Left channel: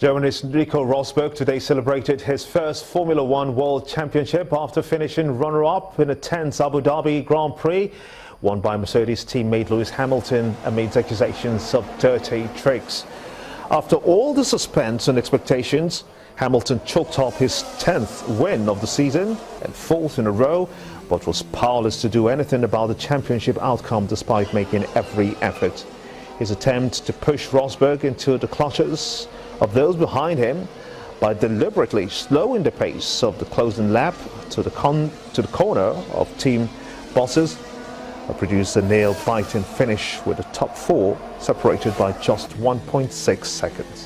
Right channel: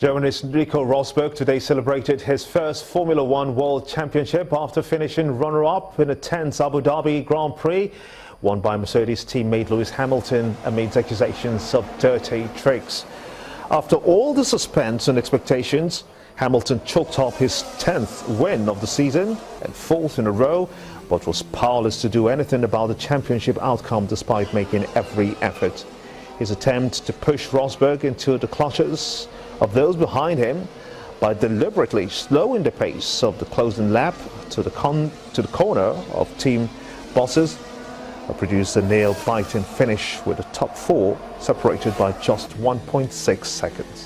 Germany's Nico Rosberg today celebrated his first Formula One World Championship after finishing runner-up in a tense Abu Dhabi Grand Prix, won by Mercedes teammate Lewis Hamilton amid accusations of dirty tricks. After all the suspense and expectations, Hamilton chalked up his 10th win of the season and 4th in a row, but was powerless to do anything about the championship outcome despite making every effort. His attempt to push Rosberg into the clutches of those behind him by deliberately slowing the pace of the closing lap to the corner of team bosses produced a nail-biting finish with the top four separated by just 1.6 seconds.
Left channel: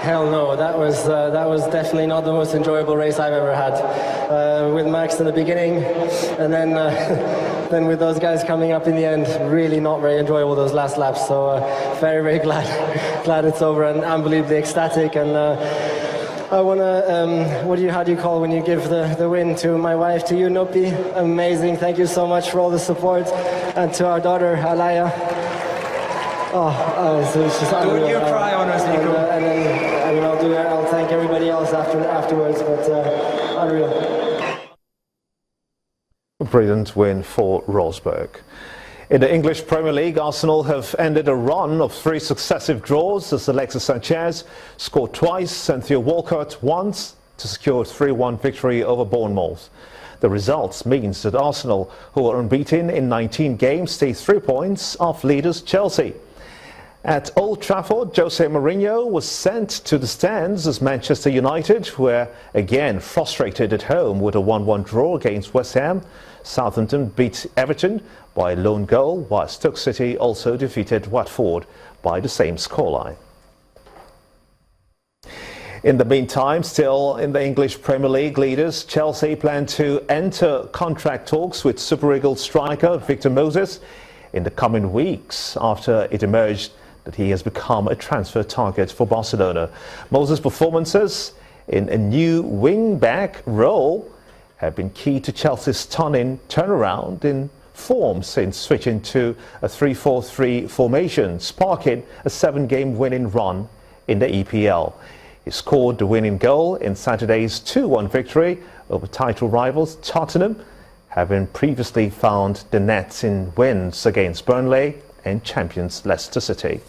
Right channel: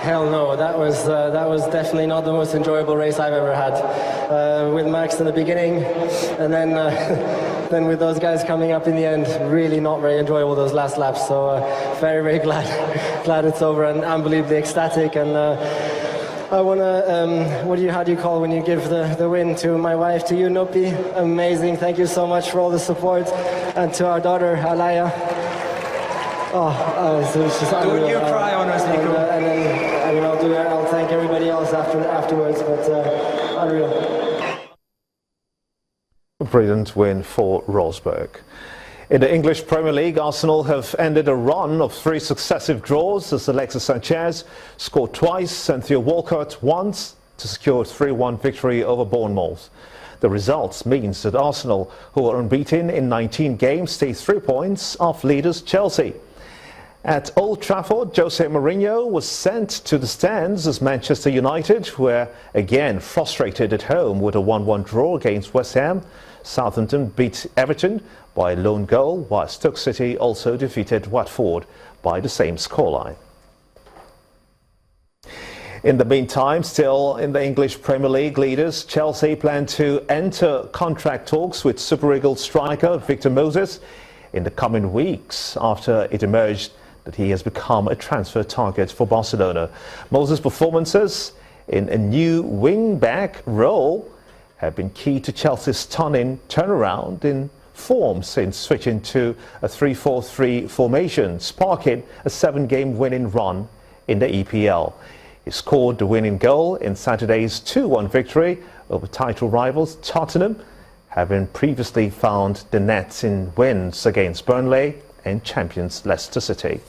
Hell no, that was definitely not the most enjoyable race I've ever had. With Max in the beginning, and then with those guys coming up in the end, really not very enjoyable those last laps. So very, very glad it's over and unbelievably ecstatic. And I want to, how do you call when you give the win to my wife, to you, Nuppi? Amazing. Thank you so much for all the support, and to our daughter, Alaya. It's just unreal. Don't you cry on us, Nico. I'll thank everybody else afterwards, but unreal. A brilliant win for Rosberg. In the English Premier League, Arsenal have ended a run of 3 successive draws as Alexis Sanchez scored twice and Theo Walcott once to secure a 3-1 victory over Bournemouth. The results means that Arsenal, who are unbeaten in 19 games, stay 3 points off leaders Chelsea. At Old Trafford, Jose Mourinho was sent to the stands as Manchester United were again frustrated at home with a 1-1 draw against West Ham. Southampton beat Everton by a lone goal, while Stoke City also defeated Watford by the same scoreline. In the meantime, still in the English Premier League, leaders Chelsea plan to enter contract talks with Super Eagles striker Victor Moses in the coming weeks after it emerged that he has become a transfer target for Barcelona. Moses' performances in a new wing-back role have been key to Chelsea's stunning turnaround in form since switching to a 3-4-3 formation, sparking a 7-game winning run in the EPL. He scored the winning goal in Saturday's 2-1 victory over title rivals Tottenham, having previously found the net in wins against Burnley and champions Leicester City.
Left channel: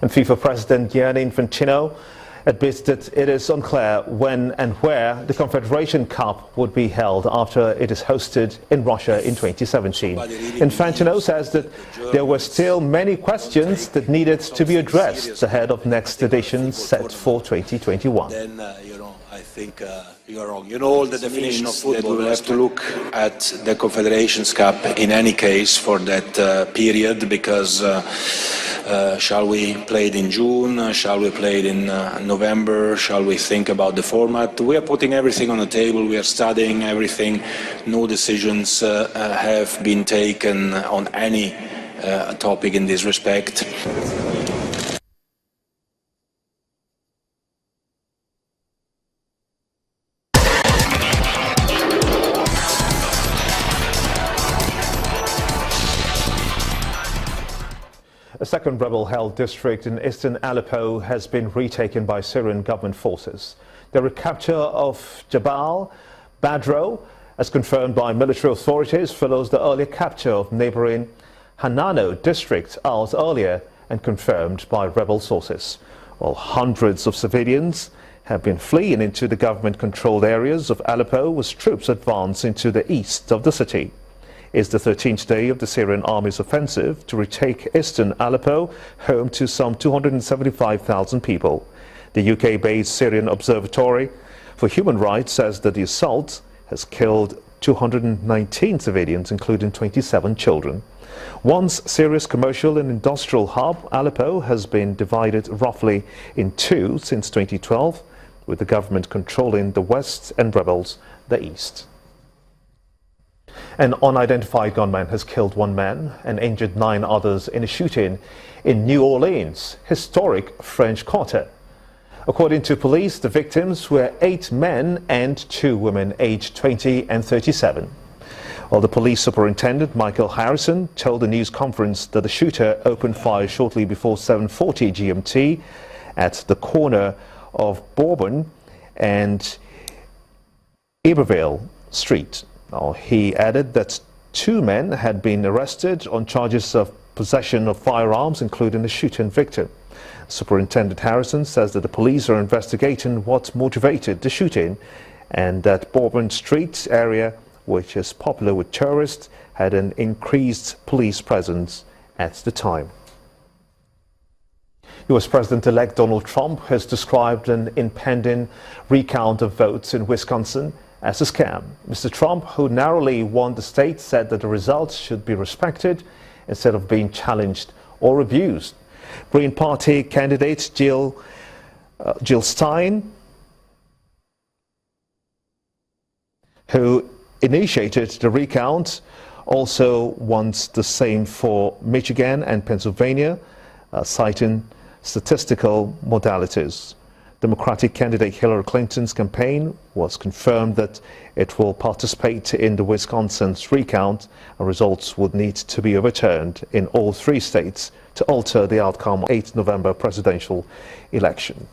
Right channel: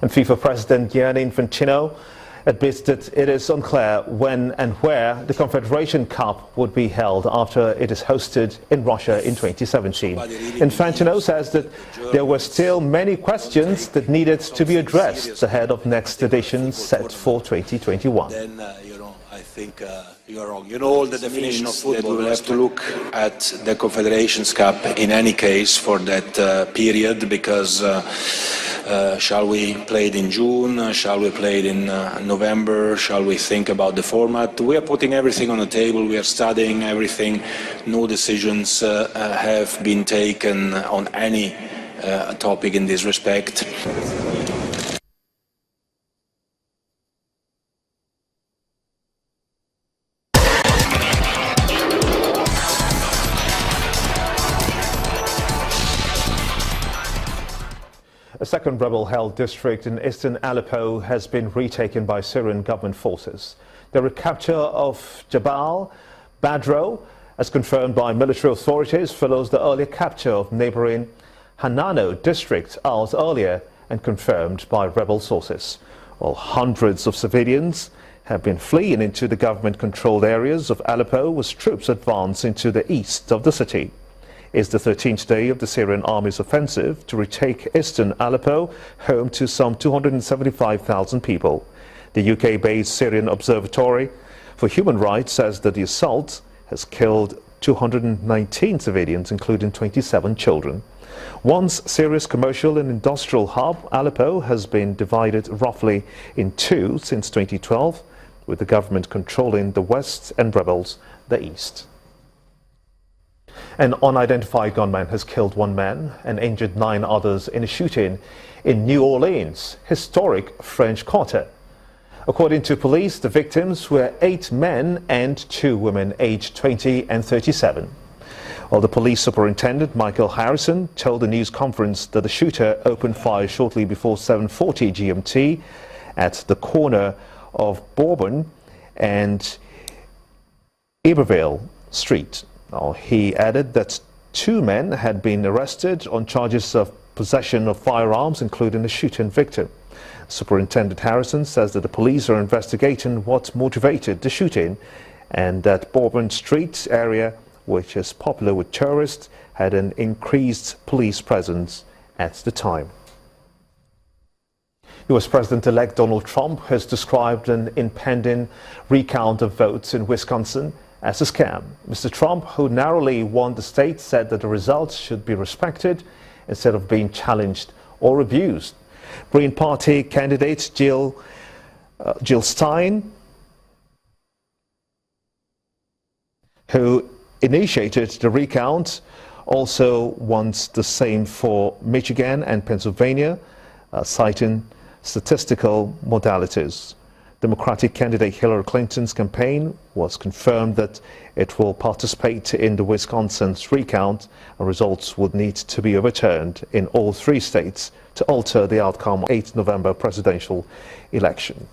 And FIFA President Gianni Infantino admits that it is unclear when and where the Confederation Cup would be held after it is hosted in Russia in 2017. Infantino says that there were still many questions that needed to be addressed ahead of next edition set for 2021. I think you are wrong. You know all the definition of football. We will have to look at the Confederations Cup in any case for that period, because shall we play it in June? Shall we play it in November? Shall we think about the format? We are putting everything on the table. We are studying everything. No decisions have been taken on any topic in this respect. A second rebel-held district in eastern Aleppo has been retaken by Syrian government forces. The recapture of Jabal Badro, as confirmed by military authorities, follows the earlier capture of neighboring Hanano district hours earlier and confirmed by rebel sources. While hundreds of civilians have been fleeing into the government-controlled areas of Aleppo as troops advance into the east of the city. It's the 13th day of the Syrian army's offensive to retake eastern Aleppo, home to some 275,000 people. The UK-based Syrian Observatory for Human Rights says that the assault has killed 219 civilians, including 27 children. Once serious commercial and industrial hub, Aleppo has been divided roughly in two since 2012, with the government controlling the west and rebels the east. An unidentified gunman has killed one man and injured 9 others in a shooting in New Orleans, historic French Quarter. According to police, the victims were 8 men and 2 women aged 20 and 37. While the police superintendent, Michael Harrison, told the news conference that the shooter opened fire shortly before 7:40 GMT at the corner of Bourbon and Iberville Street. He added that 2 men had been arrested on charges of possession of firearms, including the shooting victim. Superintendent Harrison says that the police are investigating what motivated the shooting and that Bourbon Street area, which is popular with tourists, had an increased police presence at the time. US President-elect Donald Trump has described an impending recount of votes in Wisconsin as a scam. Mr. Trump, who narrowly won the state, said that the results should be respected instead of being challenged or abused. Green Party candidate Jill Stein, who initiated the recount, also wants the same for Michigan and Pennsylvania, citing statistical modalities. Democratic candidate Hillary Clinton's campaign was confirmed that it will participate in the Wisconsin's recount, and results would need to be overturned in all 3 states to alter the outcome of the 8th November presidential election.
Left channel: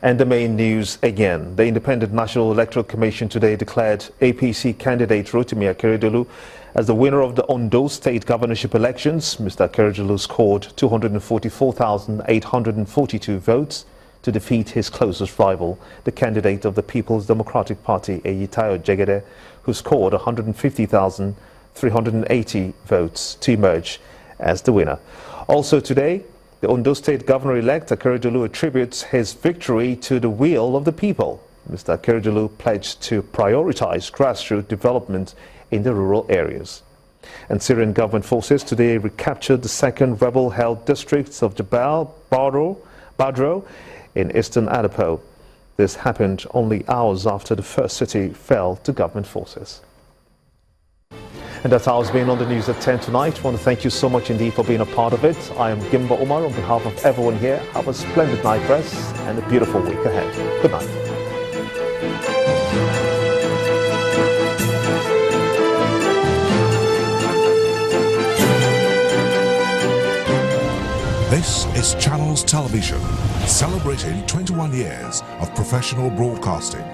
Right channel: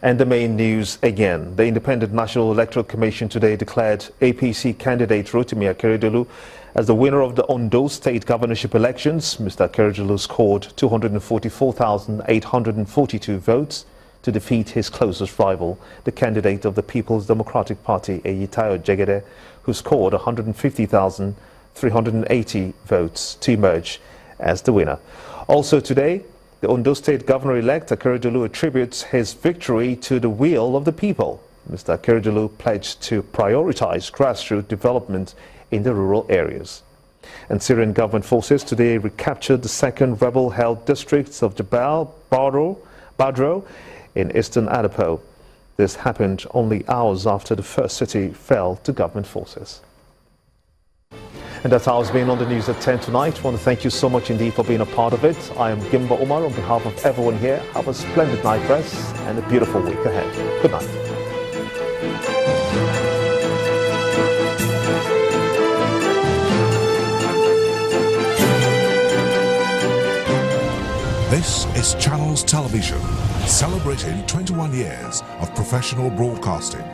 And the main news again. The Independent National Electoral Commission today declared APC candidate Rotimi Akeredolu as the winner of the Ondo State governorship elections. Mr. Akeredolu scored 244,842 votes to defeat his closest rival, the candidate of the People's Democratic Party, Eyitayo Jegede, who scored 150,380 votes to emerge as the winner. Also today, the Ondo State Governor-elect Akeredolu attributes his victory to the will of the people. Mr. Akeredolu pledged to prioritize grassroots development in the rural areas. And Syrian government forces today recaptured the 2nd rebel-held districts of Jabal Badro in eastern Aleppo. This happened only hours after the first city fell to government forces. And that's how it's been on the news at 10 tonight. I want to thank you so much indeed for being a part of it. I am Gimba Omar on behalf of everyone here. Have a splendid night rest and a beautiful week ahead. Good night. This is Channels Television, celebrating 21 years of professional broadcasting.